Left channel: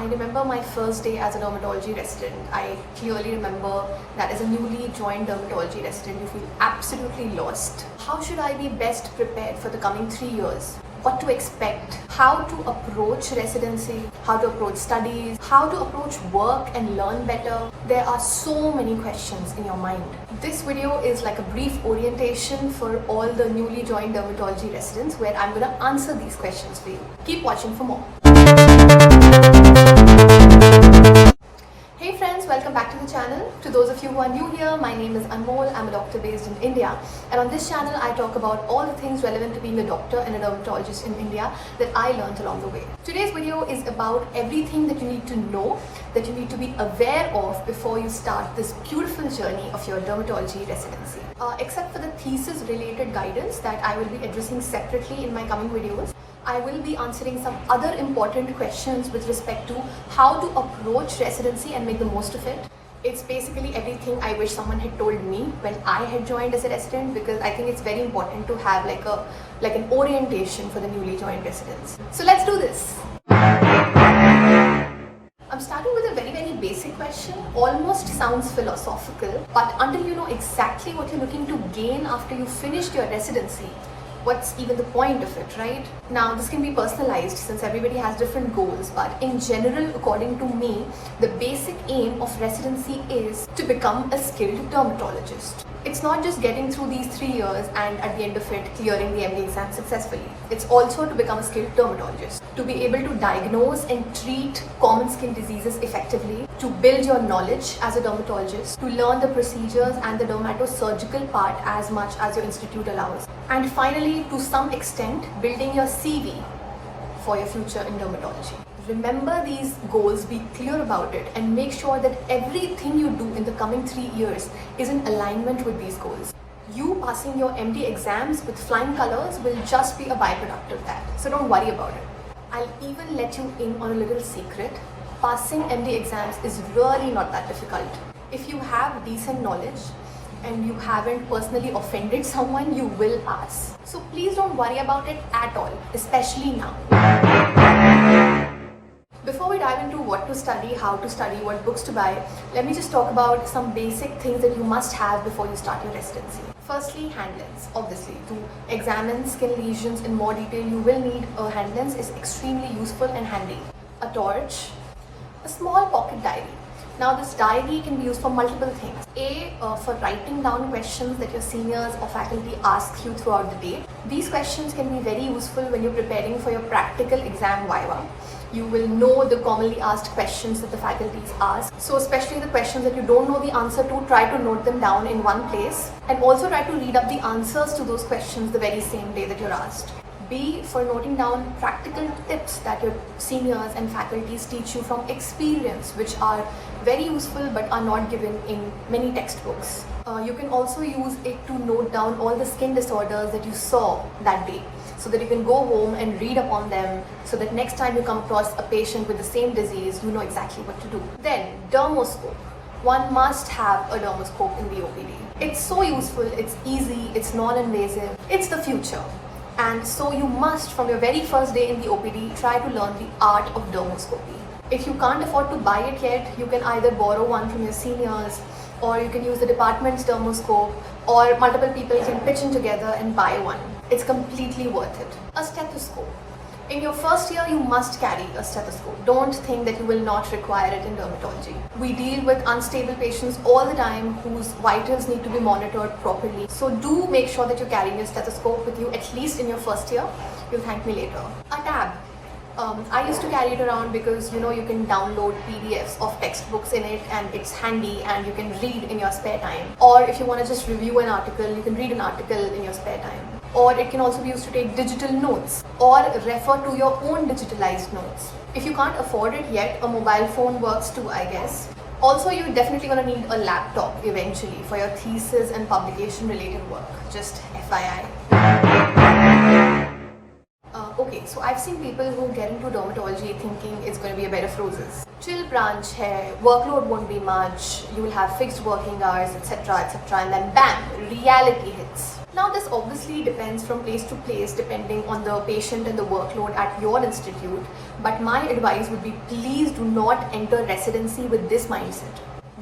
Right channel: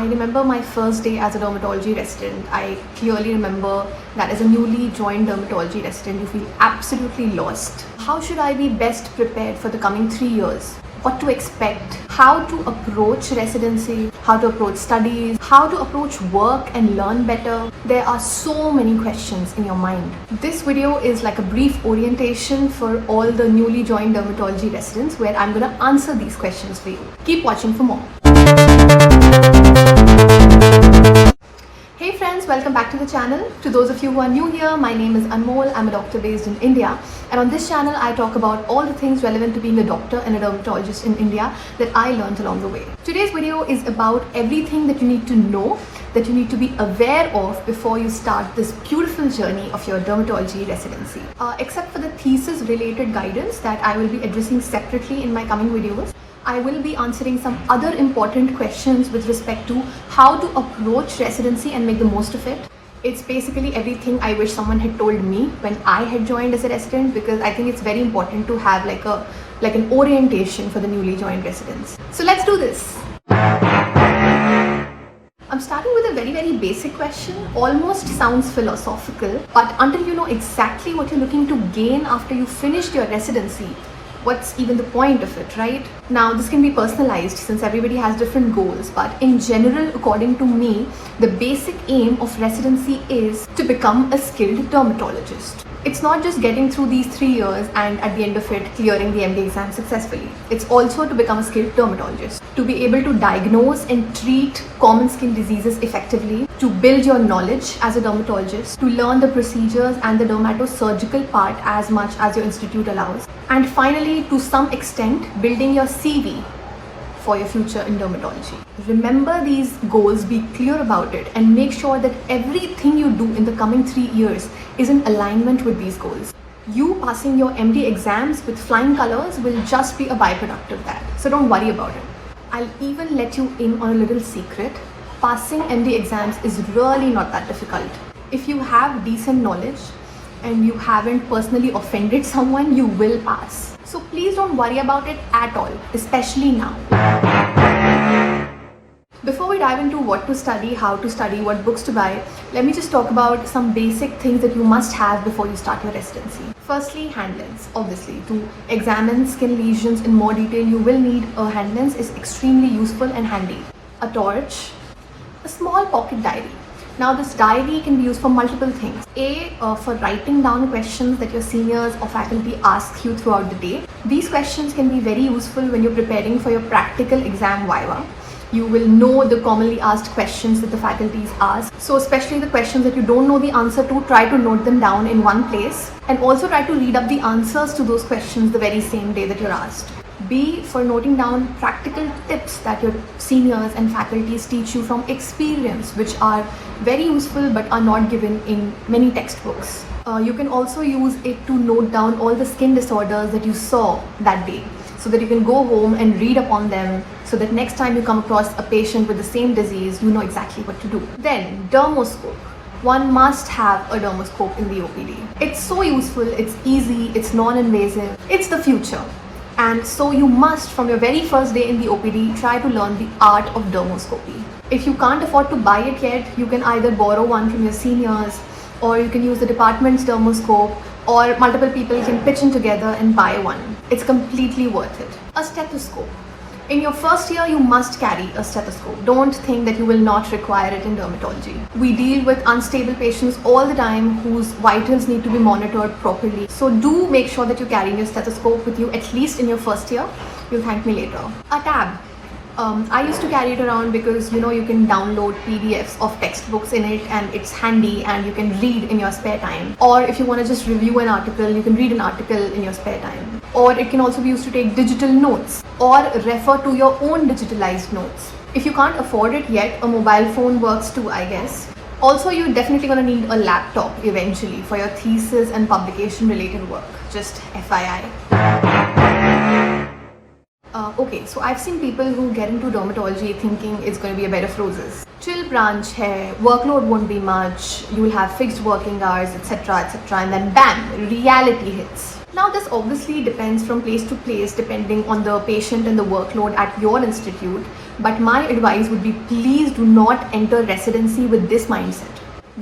I remember my first day as a dermatology resident. I clearly remember that as a newly joined dermatology resident, you feel absolutely lost. How should I be best prepared for the coming 3 years? What to expect, how to approach residency, how to approach studies, how to approach work and learn better. There are so many questions in your mind. This video is like a brief orientation for all the newly joined dermatology residents where I'm going to answer these questions for you. Keep watching for more. Hey friends, welcome back to the channel. To those of you who are new here, my name is Anmol. I'm a doctor based in India, and on this channel I talk about all the things relevant to being a doctor and a dermatologist in India that I learned along the way. Today's video is about everything that you need to know, that you need to be aware of before you start this beautiful journey of your dermatology residency. Except for the thesis related guidance that I will be addressing separately in my coming videos, I will be answering some other important questions with respect to how to approach residency and make the most of it. It's basically everything I wish someone had told me when I had joined as a resident, because I think it's very important to have like an orientation for the newly joined residents. So let's do this. I'm starting with a very basic question. Almost sounds philosophical, but until you know exactly what you're looking to gain after you finished your residency, what's even the point of it, right? Now, this can be personalized since everybody has different goals, but in general, according to me, the basic aim of residency is to become a skilled dermatologist. It's not just getting through these 3 years and at the end of it clearing the MD exam successfully. It's also to become a skilled dermatologist, to be able to diagnose and treat common skin diseases effectively, to build your knowledge as a dermatologist, to learn the procedures and the dermatosurgical part as much as your institute allows, and finally, to some extent, building your CV for your future in dermatology. Remember these goals, be clear about it, and make sure that everything you do in the coming 3 years is in alignment with these goals. You passing your MD exams with flying colors will just be a byproduct of that, so don't worry about it. I'll even let you in on a little secret. Passing MD exams is really not that difficult. If you have decent knowledge and you haven't personally offended someone, you will pass. So please don't worry about it at all, especially now. Before we dive into what to study, how to study, what books to buy, let me just talk about some basic things that you must have before you start your residency. Firstly, hand lens. Obviously, to examine skin lesions in more detail, you will need a hand lens. Is extremely useful and handy. A torch, a small pocket diary. Now, this diary can be used for multiple things. For writing down questions that your seniors or faculty ask you throughout the day. These questions can be very useful when you're preparing for your practical exam viva. You will know the commonly asked questions that the faculties ask. So especially the questions that you don't know the answer to, try to note them down in one place, and also try to read up the answers to those questions the very same day that you're asked. B, for noting down practical tips that your seniors and faculties teach you from experience, which are very useful but are not given in many textbooks. You can also use it to note down all the skin disorders that you saw that day, so that you can go home and read upon them, so that next time you come across a patient with the same disease, you know exactly what to do. Then, Dermoscope. One must have a Dermoscope in the OPD. It's so useful, it's easy, it's non-invasive, it's the future. And so you must, from your very first day in the OPD, try to learn the art of dermoscopy. If you can't afford to buy it yet, you can either borrow one from your seniors, or you can use the department's Dermoscope, or multiple people can pitch in together and buy one. It's completely worth it. A stethoscope. In your first year, you must carry a stethoscope. Don't think that you will not require it in dermatology. We deal with unstable patients all the time whose vitals need to be monitored properly. So do make sure that you're carrying your stethoscope with you at least in your first year. You'll thank me later. A tab. I used to carry it around because you can download PDFs of textbooks in it, and it's handy and you can read in your spare time. Or if you want to just review an article, you can read an article in your spare time. Or it can also be used to take digital notes or refer to your own digitalized notes. If you can't afford it yet, a mobile phone works too, I guess. Also, you're definitely going to need a laptop eventually for your thesis and publication related work. Just FYI. Okay, so I've seen people who get into dermatology thinking it's going to be a bed of roses. Chill branch hai, workload won't be much, you will have fixed working hours, etc., etc. And then bam, reality hits. Now, this obviously depends from place to place depending on the patient and the workload at your institute, but my advice would be please do not enter residency with this mindset.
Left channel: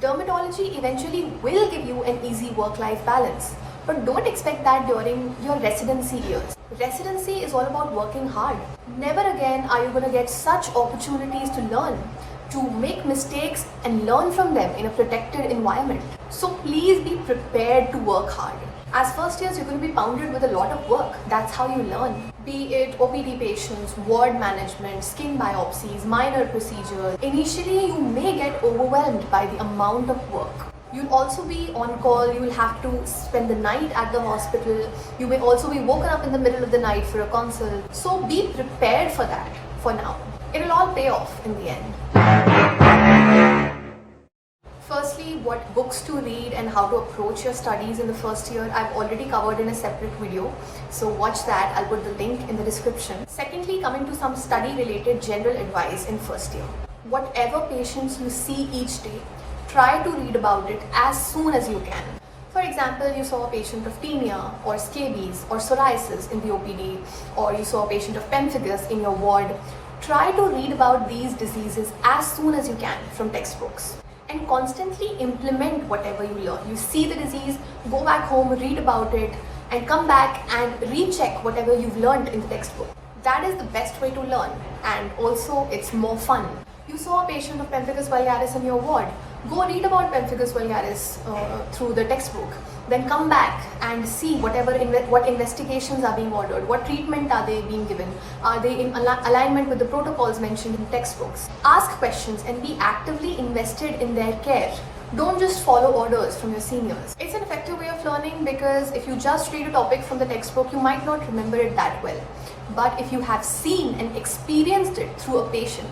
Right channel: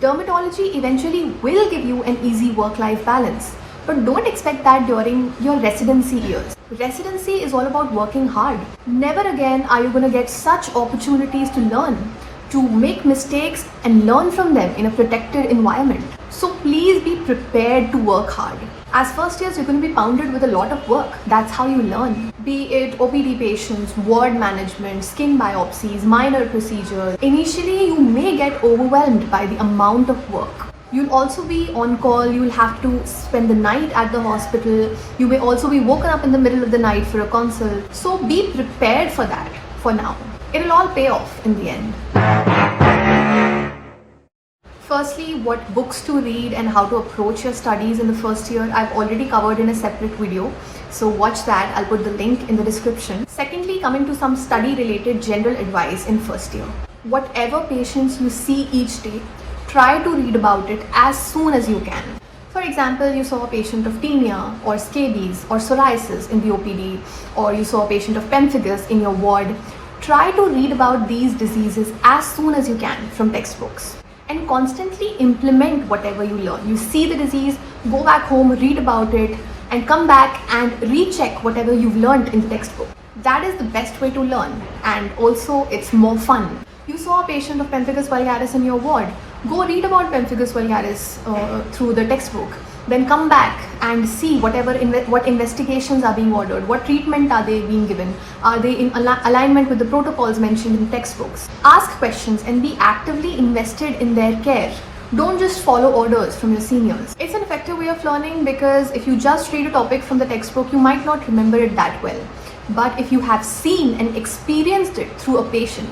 Dermatology eventually will give you an easy work-life balance, but don't expect that during your residency years. Residency is all about working hard. Never again are you going to get such opportunities to learn, to make mistakes and learn from them in a protected environment. So please be prepared to work hard. As first years, you're going to be pounded with a lot of work. That's how you learn. Be it OPD patients, ward management, skin biopsies, minor procedures. Initially, you may get overwhelmed by the amount of work. You'll also be on call, you'll have to spend the night at the hospital. You may also be woken up in the middle of the night for a consult. So be prepared for that for now. It'll all pay off in the end. Firstly, what books to read and how to approach your studies in the first year, I've already covered in a separate video. So watch that, I'll put the link in the description. Secondly, coming to some study related general advice in first year. Whatever patients you see each day, try to read about it as soon as you can. For example, you saw a patient of tinea or scabies or psoriasis in the OPD, or you saw a patient of pemphigus in your ward. Try to read about these diseases as soon as you can from textbooks and constantly implement whatever you learn. You see the disease, go back home, read about it, and come back and recheck whatever you've learned in the textbook. That is the best way to learn, and also it's more fun. You saw a patient of pemphigus vulgaris in your ward. Go read about pemphigus vulgaris through the textbook. Then come back and see what investigations are being ordered, what treatment are they being given, are they in alignment with the protocols mentioned in textbooks. Ask questions and be actively invested in their care. Don't just follow orders from your seniors. It's an effective way of learning because if you just read a topic from the textbook, you might not remember it that well. But if you have seen and experienced it through a patient,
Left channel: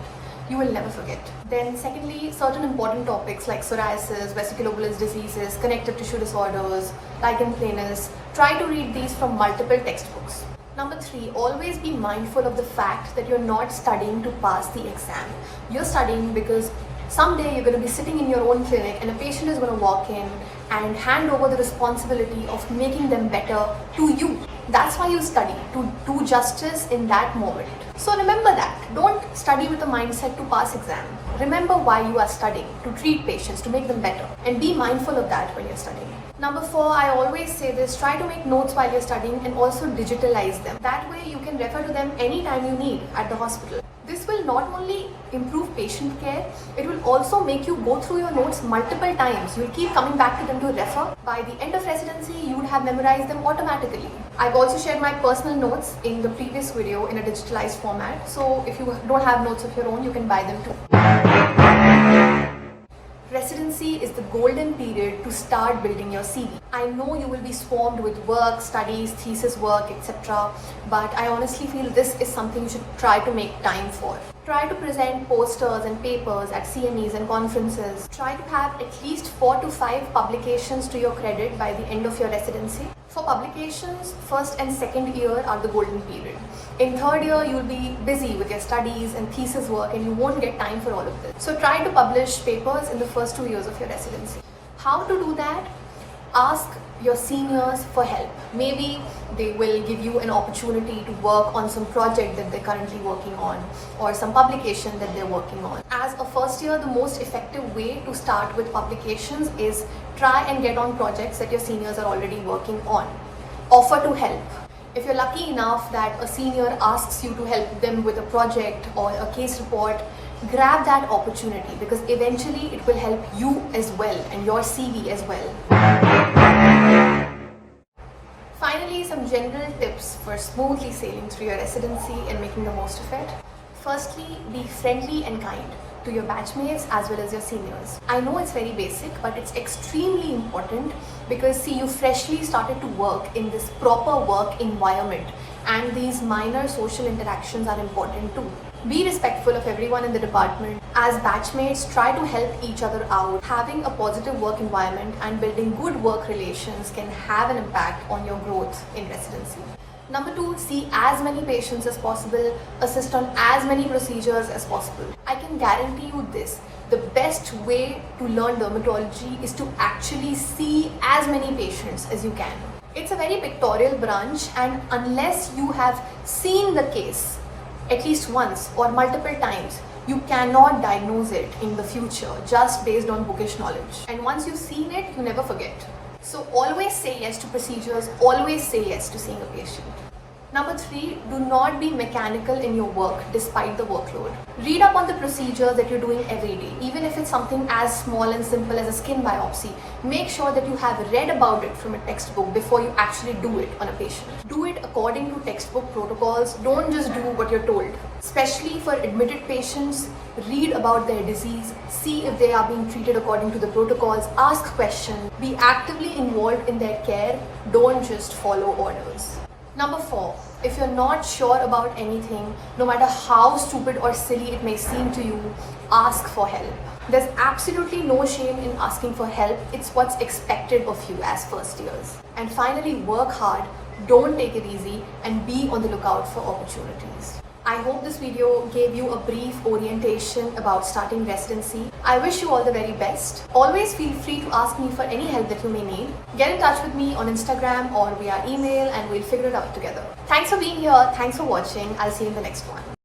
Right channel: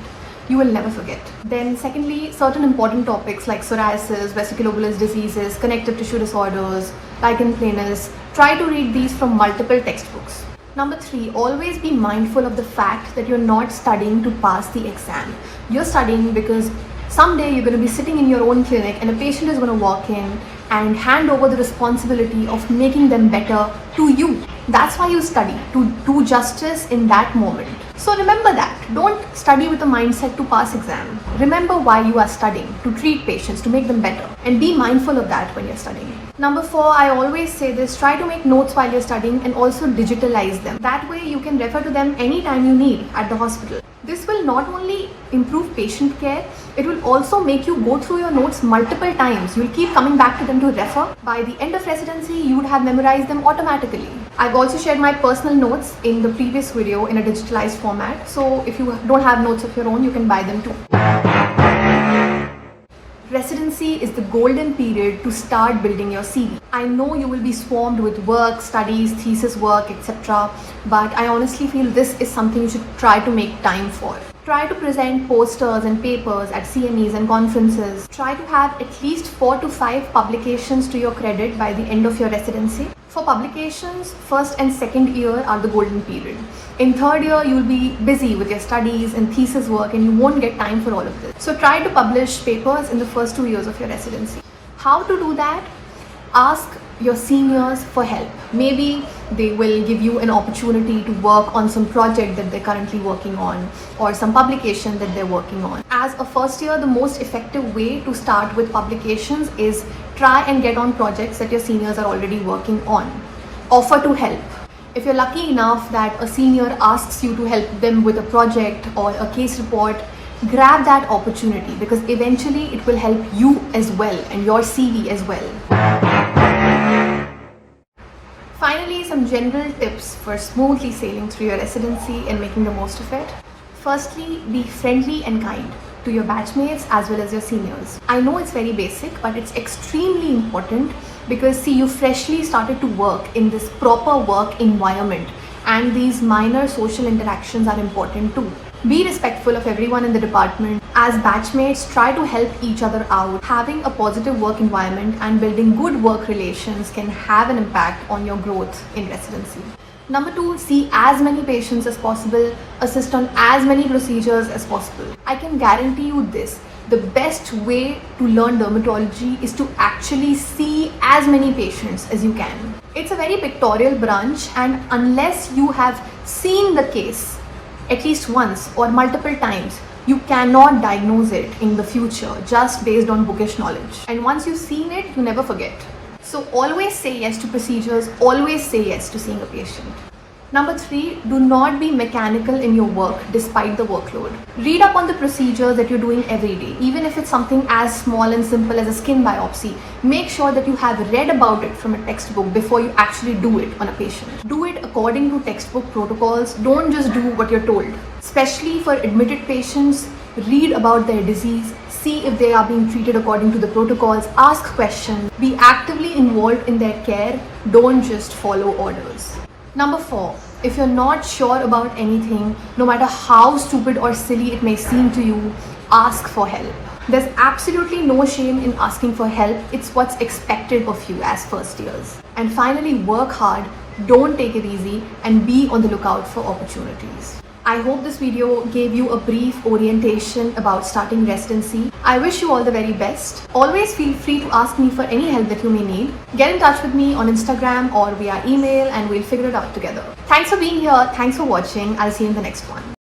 you will never forget. Then secondly, certain important topics like psoriasis, vesiculobular diseases, connective tissue disorders, lichen planus, try to read these from multiple textbooks. Number 3, always be mindful of the fact that you're not studying to pass the exam. You're studying because someday you're going to be sitting in your own clinic and a patient is going to walk in and hand over the responsibility of making them better to you. That's why you study, to do justice in that moment. So remember that. Don't study with a mindset to pass exam. Remember why you are studying, to treat patients, to make them better. And be mindful of that when you're studying. Number 4, I always say this, try to make notes while you're studying and also digitalize them. That way you can refer to them anytime you need at the hospital. This will not only improve patient care, it will also make you go through your notes multiple times. You'll keep coming back to them to refer. By the end of residency, you would have memorized them automatically. I've also shared my personal notes in the previous video in a digitalized format. So if you don't have notes of your own, you can buy them too. Residency is the golden period to start building your CV. I know you will be swarmed with work, studies, thesis work, etc. But I honestly feel this is something you should try to make time for. Try to present posters and papers at CMEs and conferences. Try to have at least 4 to 5 publications to your credit by the end of your residency. For publications, first and second year are the golden period. In third year, you will be busy with your studies and thesis work and you won't get time for all of this. So try to publish papers in the first 2 years of your residency. How to do that? Ask your seniors for help. Maybe they will give you an opportunity to work on some project that they're currently working on or some publication that they're working on. As a first year, the most effective way to start with publications is try and get on projects that your seniors are already working on. Offer to help. If you're lucky enough that a senior asks you to help them with a project or a case report, grab that opportunity because eventually it will help you as well and your CV as well. Finally, some general tips for smoothly sailing through your residency and making the most of it. Firstly, be friendly and kind to your batchmates as well as your seniors. I know it's very basic, but it's extremely important because see, you freshly started to work in this proper work environment and these minor social interactions are important too. Be respectful of everyone in the department. As batchmates, try to help each other out. Having a positive work environment and building good work relations can have an impact on your growth in residency. Number two, see as many patients as possible, assist on as many procedures as possible. I can guarantee you this, the best way to learn dermatology is to actually see as many patients as you can. It's a very pictorial branch, and unless you have seen the case at least once or multiple times, you cannot diagnose it in the future just based on bookish knowledge. And once you've seen it, you never forget. So always say yes to procedures, always say yes to seeing a patient. Number three, do not be mechanical in your work despite the workload. Read up on the procedures that you're doing every day, even if it's something as small and simple as a skin biopsy. Make sure that you have read about it from a textbook before you actually do it on a patient. Do it according to textbook protocols. Don't just do what you're told. Especially for admitted patients, read about their disease, see if they are being treated according to the protocols, ask questions, be actively involved in their care, don't just follow orders. Number four, if you're not sure about anything, no matter how stupid or silly it may seem to you, ask for help. There's absolutely no shame in asking for help. It's what's expected of you as first years. And finally, work hard, don't take it easy, and be on the lookout for opportunities. I hope this video gave you a brief orientation about starting residency. I wish you all the very best. Always feel free to ask me for any help that you may need. Get in touch with me on Instagram or via email and we'll figure it out together. Thanks for being here. Thanks for watching. I'll see you in the next one.